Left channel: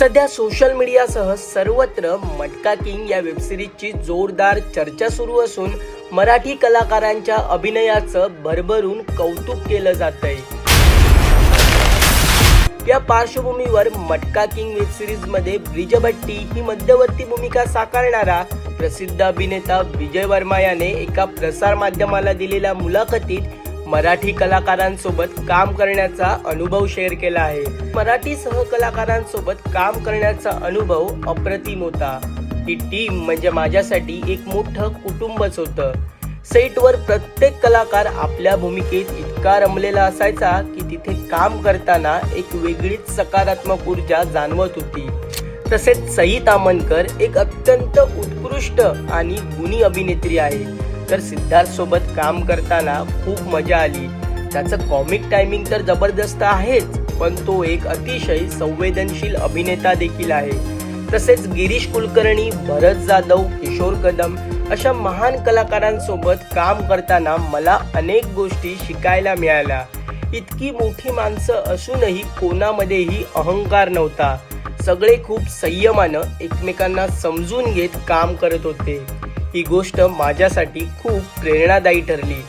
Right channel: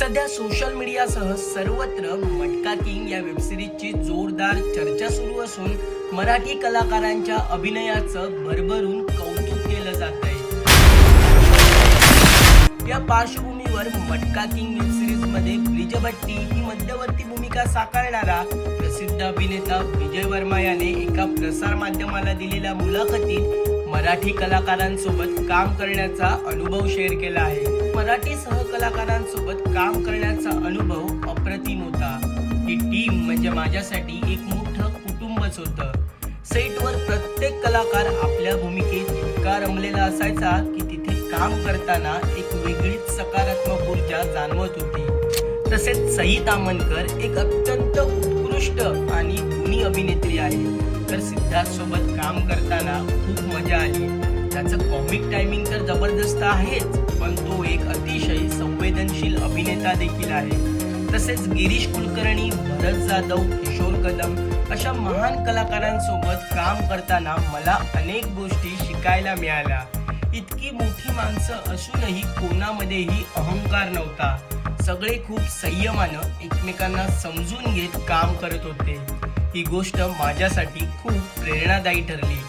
सध्या सोशल मीडियासह सर्वत्र मटका किंग या वेबसिरीजची जोरदार चर्चा सुरू असून मराठी कलाकारांच्या अभिनयाचं भरभरून कौतुक केलं जातंय। या पार्श्वभूमीवर मटका किंग वेबसिरीज मध्ये ब्रिजभट्टी ही मध्यवर्ती भूमिका साकारणारा प्रसिद्ध अभिनेता विजय वर्मा याने एका प्रसार माध्यमाला दिलेल्या मुलाखतीत मराठी कलाकारांसोबत काम करण्याचा अनुभव शेअर केला आहे। मराठी सहकलाकारांसोबत काम करण्याचा अनुभव अप्रतिम होता। ही टीम म्हणजे माझ्यासाठी एक मोठं कुटुंबच होतं। सेटवर प्रत्येक कलाकार आपल्या भूमिकेत इतका रमलेला असायचा की तिथे काम करताना एक वेगळीच सकारात्मक ऊर्जा जाणवत होती। तसेच सई तामणकर एक अत्यंत उत्कृष्ट आणि गुणी अभिनेत्री आहे, तर सिद्धार्थ सोबत काम करताना खूप मजा आली। त्याचं कॉमिक टायमिंग तर जबरदस्त आहेच, पण तो एक अतिशय संवेदनशील अभिनेता देखील आहे। तसेच गिरीश कुलकर्णी, भरत जाधव, किशोर कदम अशा महान कलाकारांसोबत काम करताना मला अनेक गोष्टी शिकायला मिळाल्या। इतकी मोठी माणसं असूनही कोणामध्येही अहंकार नव्हता। सगळे खूप संयमानं एकमेकांना समजून घेत काम करत होते। ही गोष्ट माझ्यासाठी खूप प्रेरणादायी ठरली।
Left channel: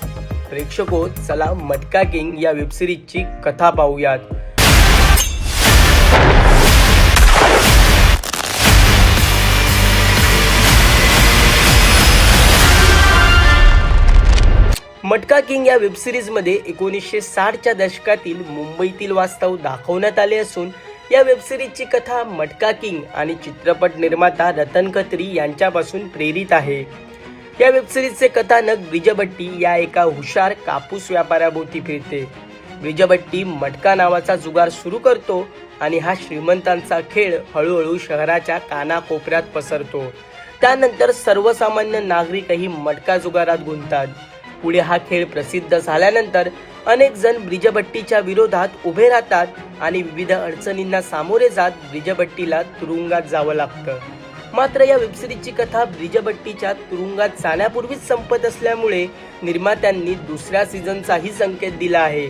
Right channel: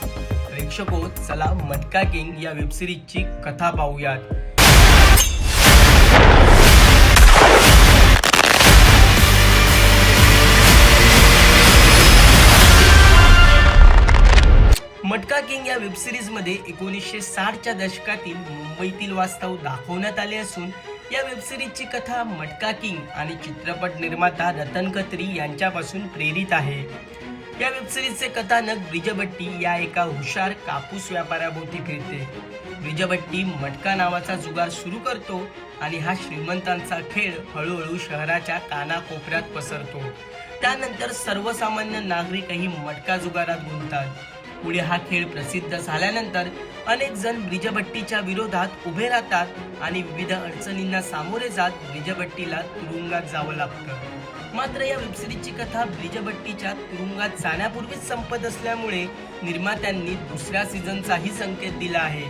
प्रेक्षको, चला मटका किंग या वेबसिरीजची कथा पाहूयात। मटका किंग या वेबसिरीज मध्ये 1960च्या दशकातील मुंबईतील वास्तव दाखवण्यात आले असून या वेबसिरीजची कथा मटका किंग आणि चित्रपट निर्माता रतन खत्री यांच्यापासून प्रेरित आहे। या वेबसिरीजचे कथानक ब्रिजभट्टी या एका हुशार कापूस व्यापाऱ्याभोवती फिरते। ब्रिजभट्टी मटका नावाचा जुगार सुरू करतो आणि हा श्रीमंतांचा खेळ हळूहळू शहराच्या कानाकोपऱ्यात पसरतो। त्यानंतर सर्वसामान्य नागरिकही मटका जुगारात गुंततात। पुढे हा खेळ प्रसिद्ध झाल्यानंतर अनेक जण ब्रिजभट्टीच्या विरोधात उभे राहतात आणि विविध अडचणींना सामोरे जात ब्रिजभट्टीला तुरुंगात जावं लागतं। मात्र या वेबसिरीजची कथा ब्रिजभट्टीच्या तुरुंगात जाण्यापूर्वीच संपत असल्यामुळे निर्मात्यांनी दुसऱ्या सीझनचाही संकेत दिला आहे।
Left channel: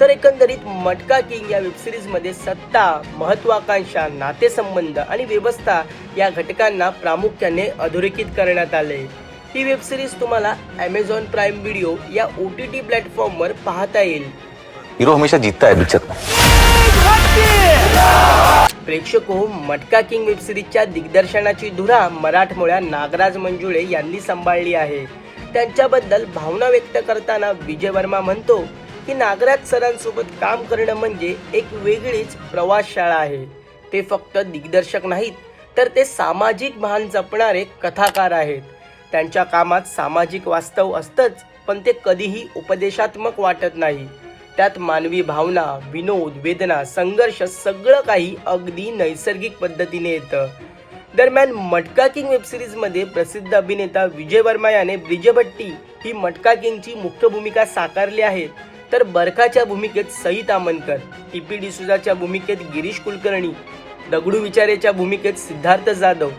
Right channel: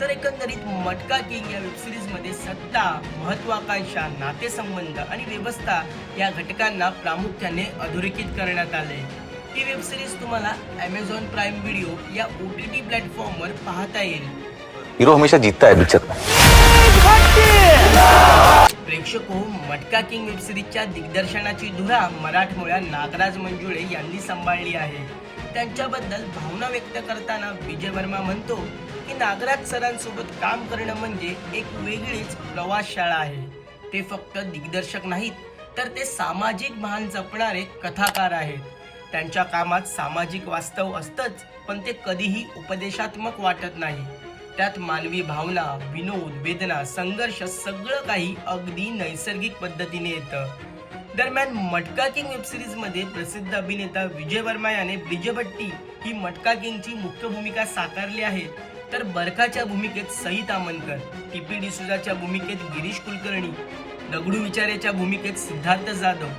तर एकंदरीत मटका किंग या वेबसिरीज मध्ये सत्ता, महत्वाकांक्षा, नातेसंबंध आणि व्यवस्था या घटकांना प्रामुख्याने अधोरेखित करण्यात आले। ही वेबसिरीज तुम्हाला Amazon प्राइम व्हिडिओ या OTT प्लॅटफॉर्मवर पाहता येईल। हीरो हमेशा जीतता है पिक्चर में। प्रेक्षको, मटका किंग वेबसिरीजच्या दिग्दर्शनाची धुरा मराठमोळ्या नागराज मंजुळे यांनी सांभाळली आहे। त्यांच्याबद्दल भावना व्यक्त करताना विजय वर्मा म्हणतो की नागराज सरांसोबत काम करणं म्हणजे एक वेगळीच प्रवासशाळा आहे। ते फक्त दिग्दर्शक नाहीत, तर ते सामाजिक भान जपणारे कथाकार आहेत। त्यांच्या कामात सामाजिक वास्तव असतंच, पण ते कधीही उपदेशात्मक वाटत नाही। त्यात मानवी भावना, विनोद, वेदना, संघर्ष सगळं काही अगदी नैसर्गिक पद्धतीने येतं। दरम्यान मटका किंग वेबसिरीज मध्ये प्रसिद्ध अभिनेता विजय वर्मा याने ब्रिजभट्टी ही मटका किंगची मुख्य भूमिका साकारली आहे, तर बरखाच्या भूमिकेत सई तामणकर, टीपी डिसूजाच्या भूमिकेत गिरीश कुलकर्णी, दगडू विचारेच्या भूमिकेत सिद्धार्थ जाधव,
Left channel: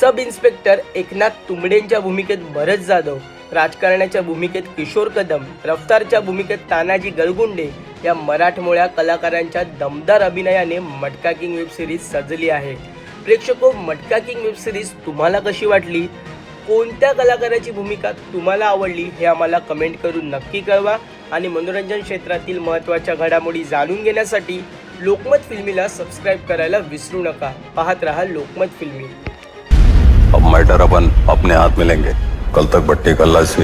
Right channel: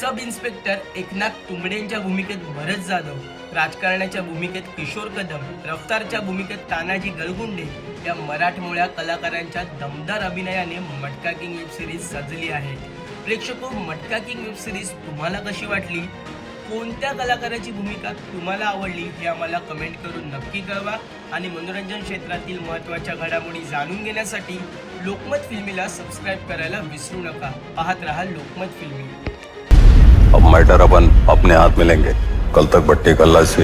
सब इन्स्पेक्टर एकनाथ तुंबडेंच्या भूमिकेत भरत जाधव, राजकारण्याच्या भूमिकेत किशोर कदम, रफ्तारच्या भूमिकेत तानाजी गळगुंडे या मराठमोळ्या कलाकारांच्या दमदार अभिनयाने मटका किंग वेबसिरीज सजली आहे। प्रेक्षको, मटका किंग वेबसिरीज तुम्हाला कशी वाटली? कोणत्या कलाकाराची भूमिका तुम्हाला आवडली हे आम्हाला कमेंट करून नक्की कळवा आणि मनोरंजन क्षेत्रातील महत्त्वाच्या घडामोडी जाणून घेण्यासाठी लोकमत फिल्मीला सबस्क्राइब करायला विसरू नका। पाहत रहा लोकमत फिल्मी। अब मैटर अपन अपने हाथ में लेंगे। कल तक भट्टी कल्ला से